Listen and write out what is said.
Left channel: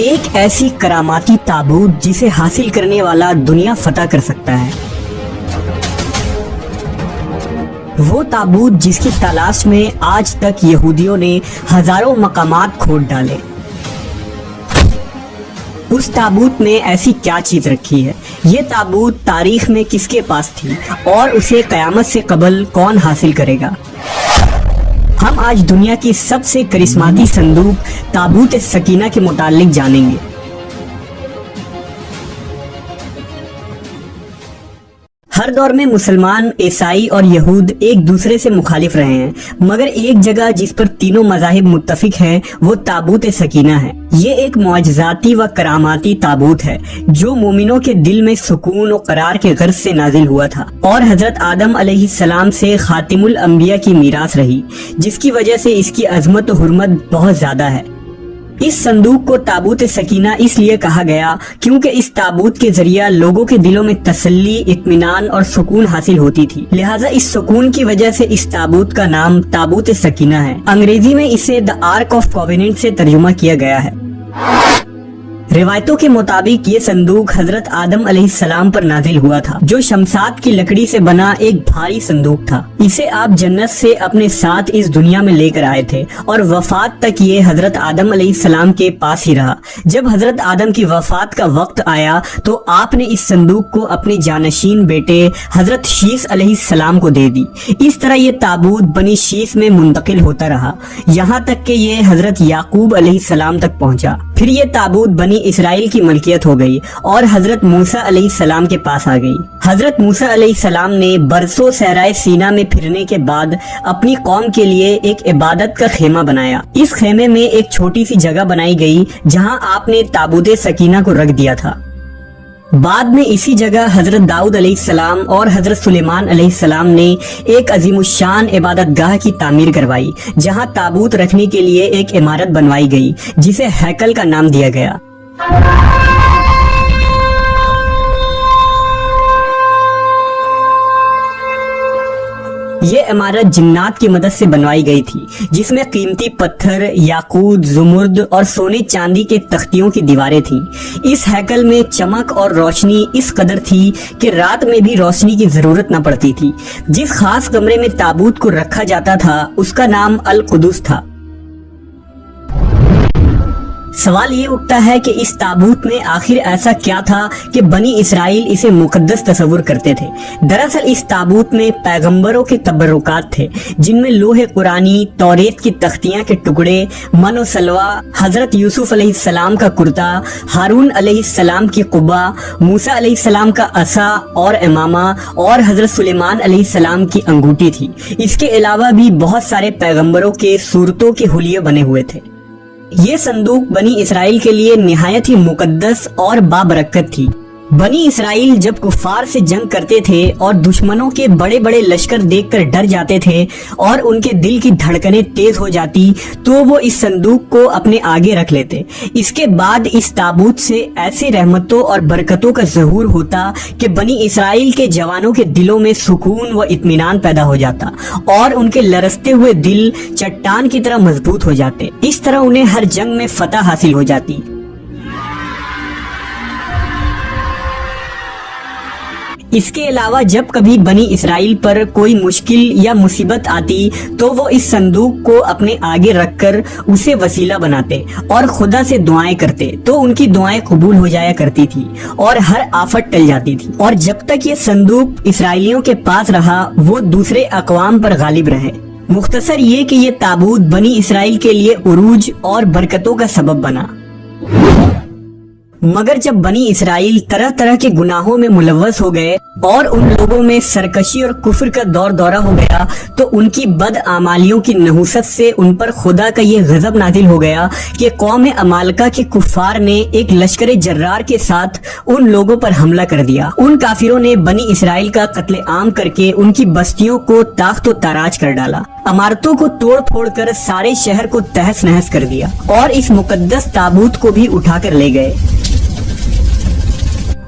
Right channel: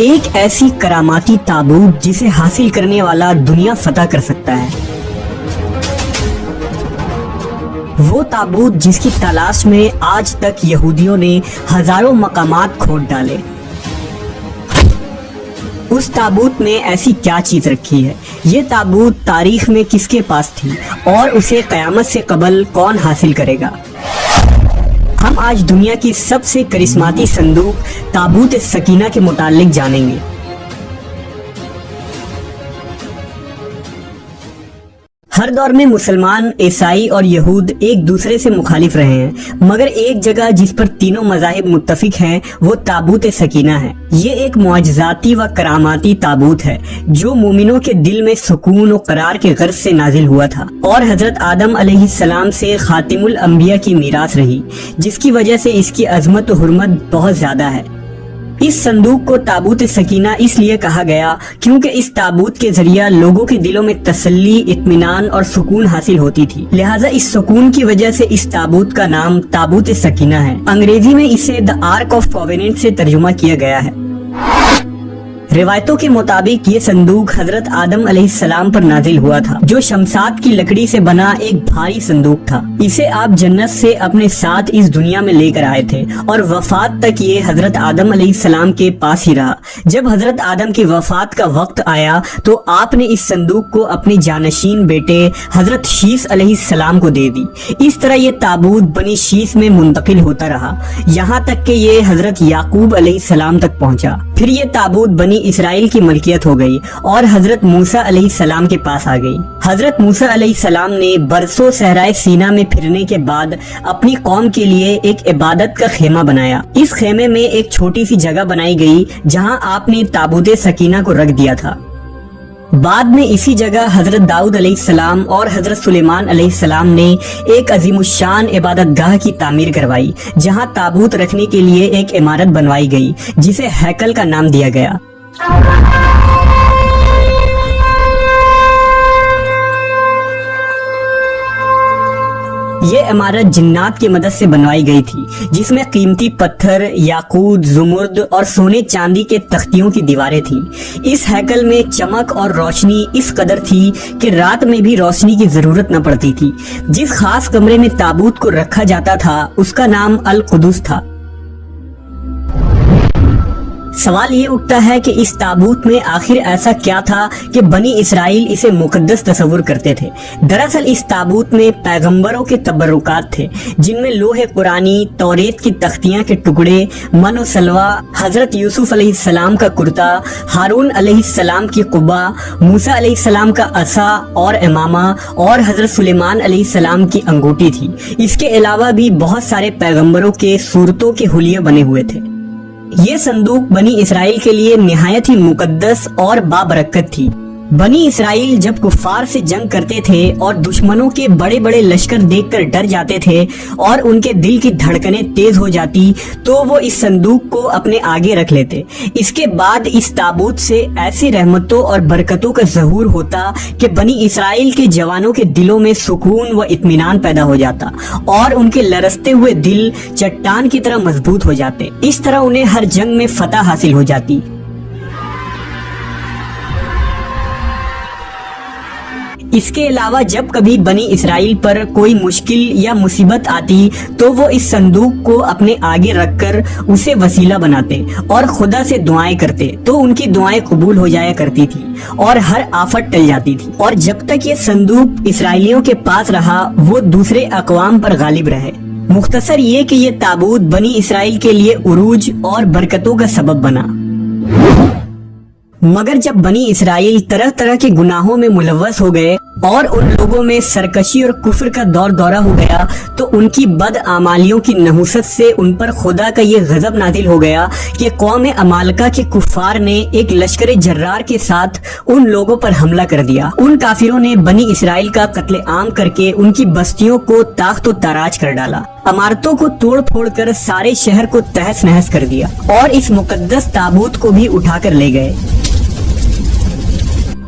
ایک ایسی کراماتی تابوت جسے حاصل کرنے والا دنیا فتح کر سکتا ہے، وہ تابوت جس کی تلاش میں آج تک یہودیوں نے ہزاروں مقامات کھود ڈالے۔ اس تابوت میں ایسی کیا چیز رکھی ہے؟ یہ تابوت تاریخ میں کس کے پاس تھی اور اسے قیامت سے قبل کون حاصل کرے گا؟ ہم آج دنیا کی سب سے کرسماتی صندوق تابوت سکینہ کے متعلق جانیں گے۔ ہر دور میں مسلمان، عیسائی اور یہود ایک دوسرے سے مخالف رہے ہیں، مگر ایک جگہ جس پر تینوں مذاہب متفق ہیں وہ تابوت سکینہ ہے۔ یہ ایک معجزاتی و کراماتی تابوت ہے جو مومنوں کے دل میں سکون و قرار کے غرض سے نازل ہوا تھا اور حضرت آدم علیہ السلام سے خاتم الانبیاء کی میراث رہی، جس کی وجہ سے اس کی عظمت و حرمت بہت زیادہ ہے۔ اس صندوق کو تابوت سکینہ اس لیے کہا گیا کیونکہ اس تابوت کے ذریعہ لوگوں کے دلوں میں تسلی، اطمینان اور سکون حاصل ہوتی تھی، لہٰذا اس سکون کی وجہ سے اس تابوت کا نام تابوت سکینہ ہے۔ انگریزی میں اسے دی آرک آف کووننٹ سے ترجمہ کیا گیا ہے۔ روایتوں کے مطابق یہ صندوق حضرت آدم علیہ السلام پر نازل ہوا تھا، جو شمشاد کی لکڑی سے بنا ایک بھاری صندوق تھا۔ اسے آپ جنت سے اپنے ساتھ اس دنیا میں لے کر آئے تھے اور وفات تک یہ حضرت آدم علیہ السلام کے پاس ہی رہا۔ جب حضرت آدم کی وفات کا وقت آیا تو آپ نے اس صندوق کو اپنے جانشین بیٹے حضرت شیث علیہ السلام کو دے دی۔ اس طرح یہ تابوت بنی شیث میں منتقل ہوتا رہا، یہاں تک کہ یہ حضرت یعقوب علیہ السلام تک پہنچا۔ پھر یہ تابوت بنی اسرائیل کی ملکیت ہو گئی اور حضرت موسیٰ علیہ السلام کے پاس آ گئی۔ حضرت موسیٰ علیہ السلام نے برسوں صحرائے سینا میں پھرنے کے بعد اپنی قوم کے لیے ایک عبادت کا خیمہ بنایا۔ اس خیمے میں ایک چھوٹی سی جگہ بنائی گئی جہاں آپ نے تابوت سکینہ کو رکھ دیا تھا۔ بعد میں اسی جگہ حضرت داؤد علیہ السلام اور حضرت سلیمان علیہ السلام نے ایک عظیم الشان عبادت گاہ کی تعمیر کروائی، جہاں تابوت رکھنے کے لیے ایک عمارت بنوائی گئی جسے ہیکل کا نام دیا گیا۔ یہ عمارت جنات کی مدد سے بنوائی گئی تھی، جس میں قیمتی پتھر، یاقوت، زمرد اور سونے چاندی کے تختیوں کی دیواریں تھیں۔ اس ہیکل میں چمک اور روشنی اس قدر تھی کہ رات میں بھی روشنی کی ضرورت نہ پڑتی تھی۔ جس خاص کمرے میں تابوت کو رکھا جاتا تھا اس کا نام القدس تھا۔ سوال یہ اٹھتا ہے کہ اس تابوت میں آخر ایسا کیا تھا کہ بنی اسرائیل اسے مقدس تصور کرتے تھے؟ دراصل اس تابوت میں پیغمبروں کے تبرکات تھے، جن میں لوح قرآنی، توریت کی تختیاں کے ٹکڑے، من و سلوہ، حضرت یوسف علیہ السلام کا کرتا، ہارون علیہ السلام کی قبہ، موسیٰ علیہ السلام کا عصا اور امامہ اور حضرت سلیمان علیہ السلام کی انگوٹھی تھی۔ اس کے علاوہ بھی بہت سارے پیغمبروں کے صورتوں کے حلیے بنے ہوئے تھے۔ یہ صندوق بنی اسرائیل کے لیے نہایت ہی مقدس اور بابرکت تھی۔ بنی اسرائیل جب کفار سے جنگ کرتے تھے اور دشمنوں کے بڑے بڑے لشکر دیکھ کر ڈر جاتے تھے اور ان کے دل کی دھڑکنیں تیز ہو جاتی تو وہ اس صندوق کو اپنے آگے رکھ لیتے۔ اس کے بعد اس تابوت سے ایسی رحمتوں اور برکتوں کا ظہور ہوتا کہ بنی اسرائیل کے جوانوں کے دلوں میں سکون و اطمینان پیدا ہو جاتا اور ان کے لرزتے ہوئے دل چٹان کی طرح مضبوط ہو جاتے۔ اس طرح انہیں ہر جنگ میں فتح حاصل ہو جاتی۔ اس کے علاوہ جب کبھی بنی اسرائیل پر کوئی مشکل یا مصیبت آتی تو وہ اس صندوق کو اپنے آگے رکھ کر اسے وسیلہ بناتے اور خدا سے دعائیں کرتے تو ان کی دعائیں قبول ہو جایا کرتی تھی اور ہر آفت ٹل جاتی تھی۔ اور جب تک یہ صندوق اسرائیلیوں کے پاس رہا وہ دوسرے اقوام پر غالب رہے۔ مختصر یہ کہ یہ تابوت بنی اسرائیل کے لیے عروج اور برکتوں کا سبب بنا۔ مگر جب بنی اسرائیل طرح طرح کے گناہوں میں ملوث ہو گئے اور ان لوگوں میں سرکشی اور کفر کا دور دورہ ہو گیا تو ان کی بدعمالیوں کی نحوست سے ان پر خدا کا یہ غضب نازل ہو گیا کہ قوم عمالقہ کے کفار نے ایک لشکر جرار کے ساتھ ان لوگوں پر حملہ کر دیا۔ ان کافروں نے بنی اسرائیل کا قتل عام کر کے ان کی بستیوں کو تاخت و تاراج کر ڈالا، عمارتوں کو توڑ پھوڑ کر سارے شہر کو تہس نہس کر دیا اور اس مقدس تابوت کو بھی اٹھا کر لے گئے۔